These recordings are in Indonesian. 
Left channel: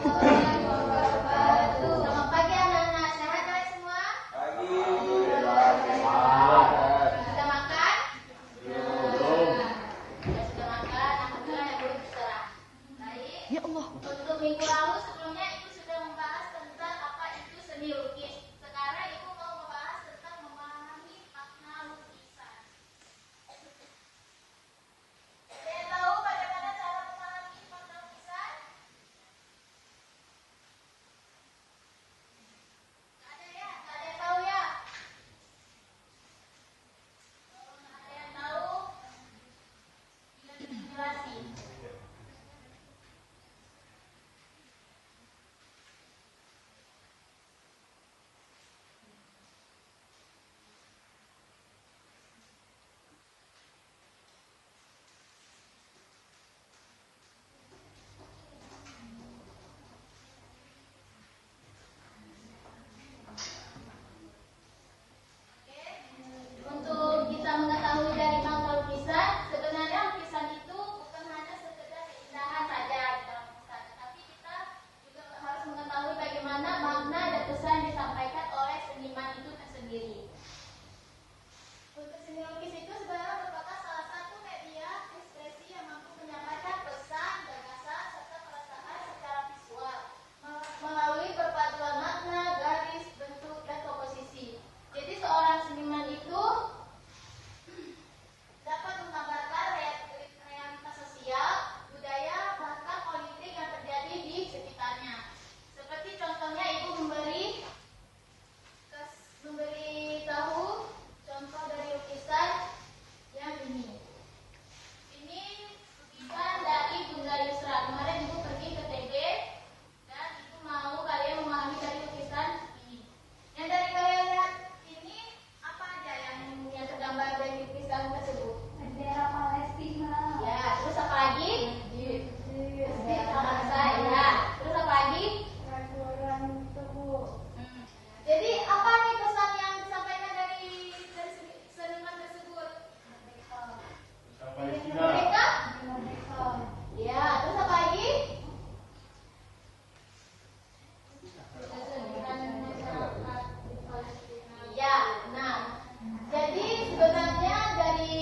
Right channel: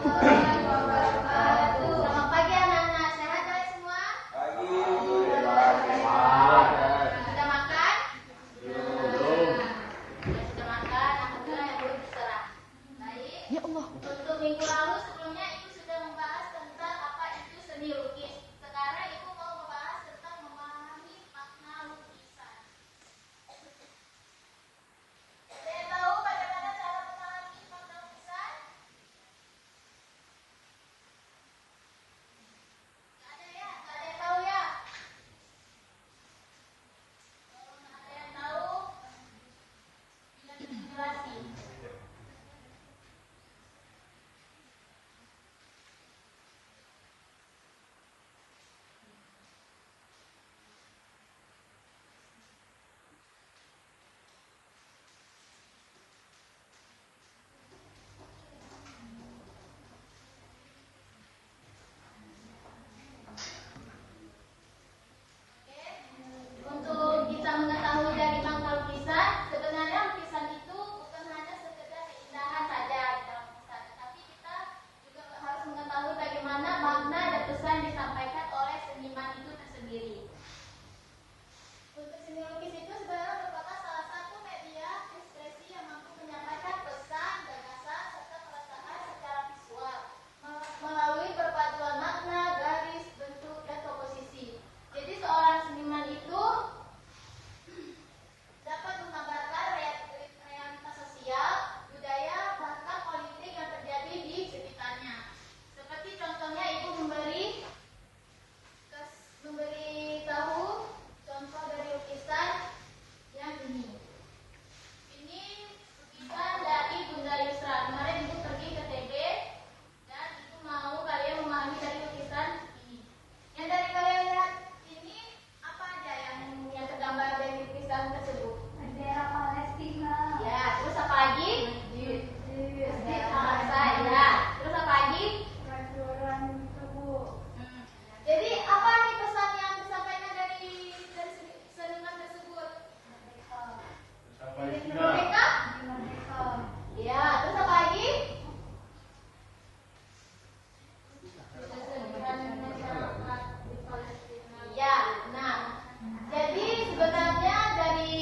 warahmatullahi wabarakatuh. Selamat pagi anak-anak. Sehat ya semua? Sudah makan? Belum. Sudah makan, alhamdulillah ya belum terserah. Baik. Ya Allah. Untuk minggu lalu sebelumnya Ibu sudah membahas tentang apa itu seni lukis. Sekarang Ibu mau membahas tentang memahami makna lukisan. Ada yang tahu bagaimana cara memahami makna lukisan? Nggak ada ya? Nggak ada yang tahu ya? Kalau nggak ada yang tahu, tidak dijelasin. Untuk kita mengetahui dari makna lukisan, sebenarnya lukisan itu bukan hanya sekedar keindahan saja dalam lukisan, tapi kita juga harus mengetahui bagaimana makna dan pesan yang disampaikan oleh seniman itu tersendiri. Untuk seni lukis itu sebenarnya merupakan salah satu media ekspresi yang mampu menyampaikan pesan, gagasan, serta perasaan secara visual melalui perpaduan makna, garis, bentuk, dan komposisi. Jadi seorang seniman itu dapat menggambarkan realitas sosial, budaya, bahkan politik yang terjadi di sekitarnya. Seperti contohnya Ibu memberi tahu contoh dari lukisan yang ini. Ini lukisan dari Bunda Yusra. Kemarin Ibu pergi ke TB dan Ibu mau kalian memahami dari lukisan ini. Yang dari kalian lihat ini apa aja yang tergambar dari lukisan tersebut? Bendera Palestina. Ya, terus apa lagi? Bangsa, ya. Terus apa lagi? Peraturan tubuh. Jadi apa nih pesan yang disampaikan dari seniman tersebut? Merdeka? Ya, terus apa lagi? Ya, nah, jadi sebenarnya dari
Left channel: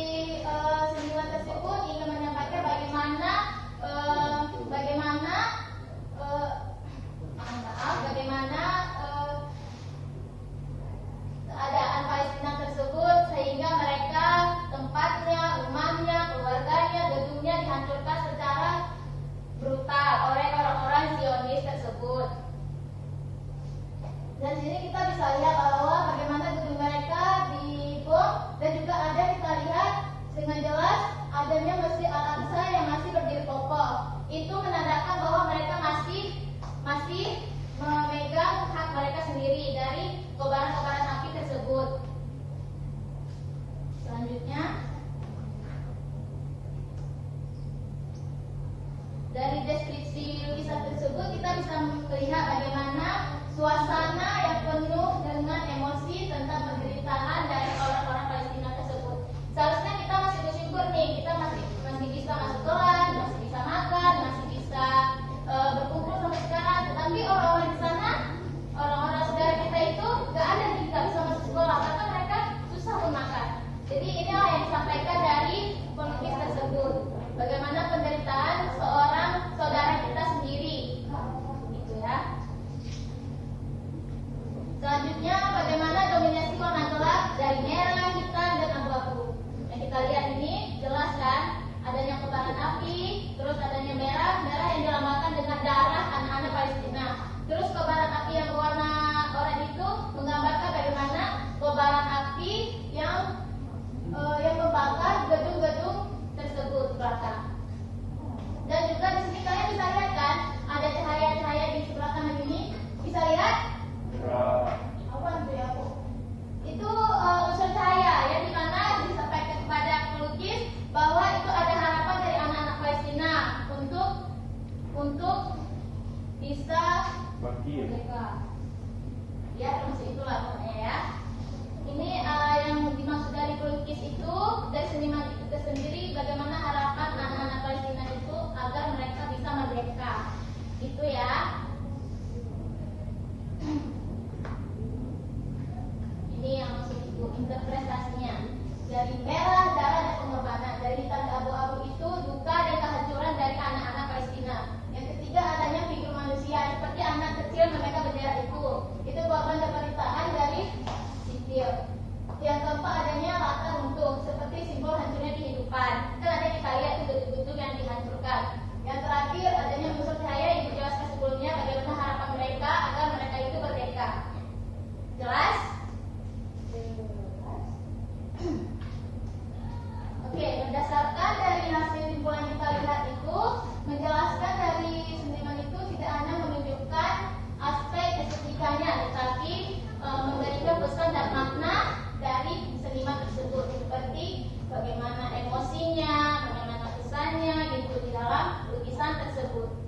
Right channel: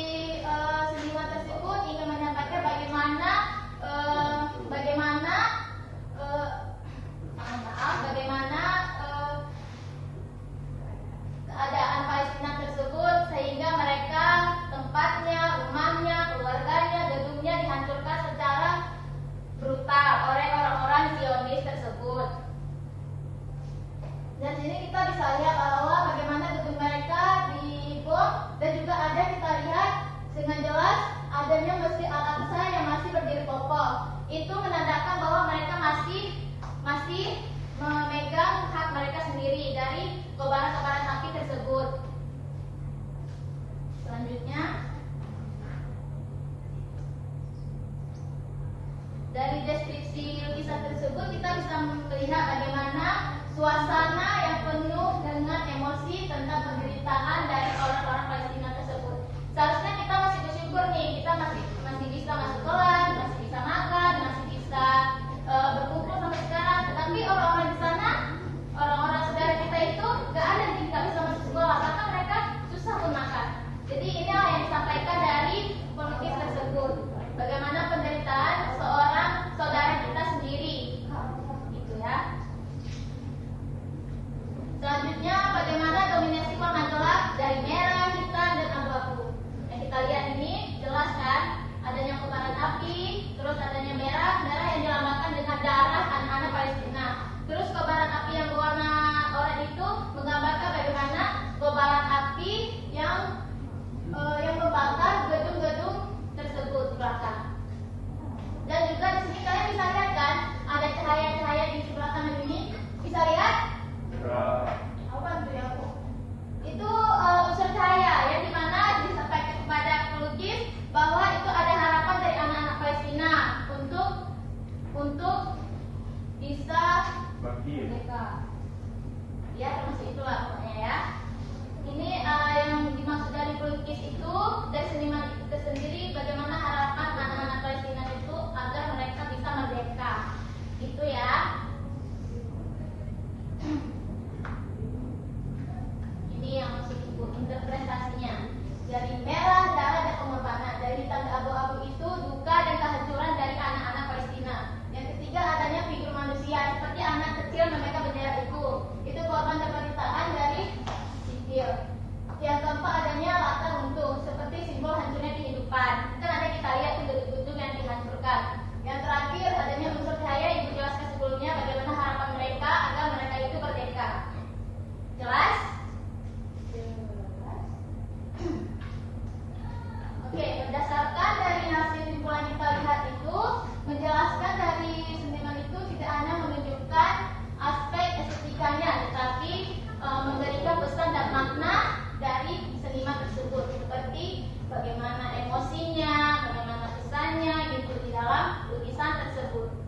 seniman tersebut ingin menyampaikan bagaimana keadaan Palestina tersebut sehingga mereka tempatnya, rumahnya, keluarganya, gedungnya dihancurkan secara brutal oleh orang-orang Zionis tersebut. Dan di sini kita bisa lihat bahwa bagaimana gedung mereka dibom dan juga ada kita lihat dengan jelas adanya Masjid Al-Aqsa yang masih berdiri kokoh. Itu menandakan bahwa mereka masih memegang hak mereka sendiri dari kobaran-kobaran api tersebut. Selanjutnya, dari deskripsi lukisan tersebut kita bisa melihat bagaimana suasana yang penuh dengan emosi tentang penderitaan dari orang-orang Palestina tersebut. Seharusnya kita masih bersyukur nih, kita masih bisa masuk kelas, masih bisa makan, masih bisa berkumpul sampai sekarang. Tetapi orang-orang di sana, orang-orang saudara kita itu nggak ada nih, nggak bisa masuk sekolah karena mereka susah makan. Jadi inilah yang disampaikan dari pelukis tersebut. Bagaimana penderitaan seorang saudara kita sendiri, gitu ya. Selanjutnya, bagaimana dominasi warna jelas dari merah, hitam, dan abu-abu. Yang kita lihat ini jelas kan, adanya kobaran api, terus adanya merah yang dilambangkan dengan darah anak-anak Palestina. Terus kobaran api yang warna oranye itu menggambarkan bagaimana kobaran api yang membakar gedung-gedung tersebut belakang. Dan juga di sini kalian bisa lihat kan, ada cahaya-cahaya di sebelah kanan ini. Bisa lihat? Apa itu ya? Itu unsur cahaya yang dimana disampaikan kepada pelukis bahwa itu ada harapan dari anak-anak Palestina untuk bisa merdeka. Ya, masih itulah pokoknya ya. Ini yang dimaksud dari pelukis itu dan seniman itu sendiri, bagaimana harapan anak-anak Palestina itu agar mereka bisa merdeka, gitu ya. Daud.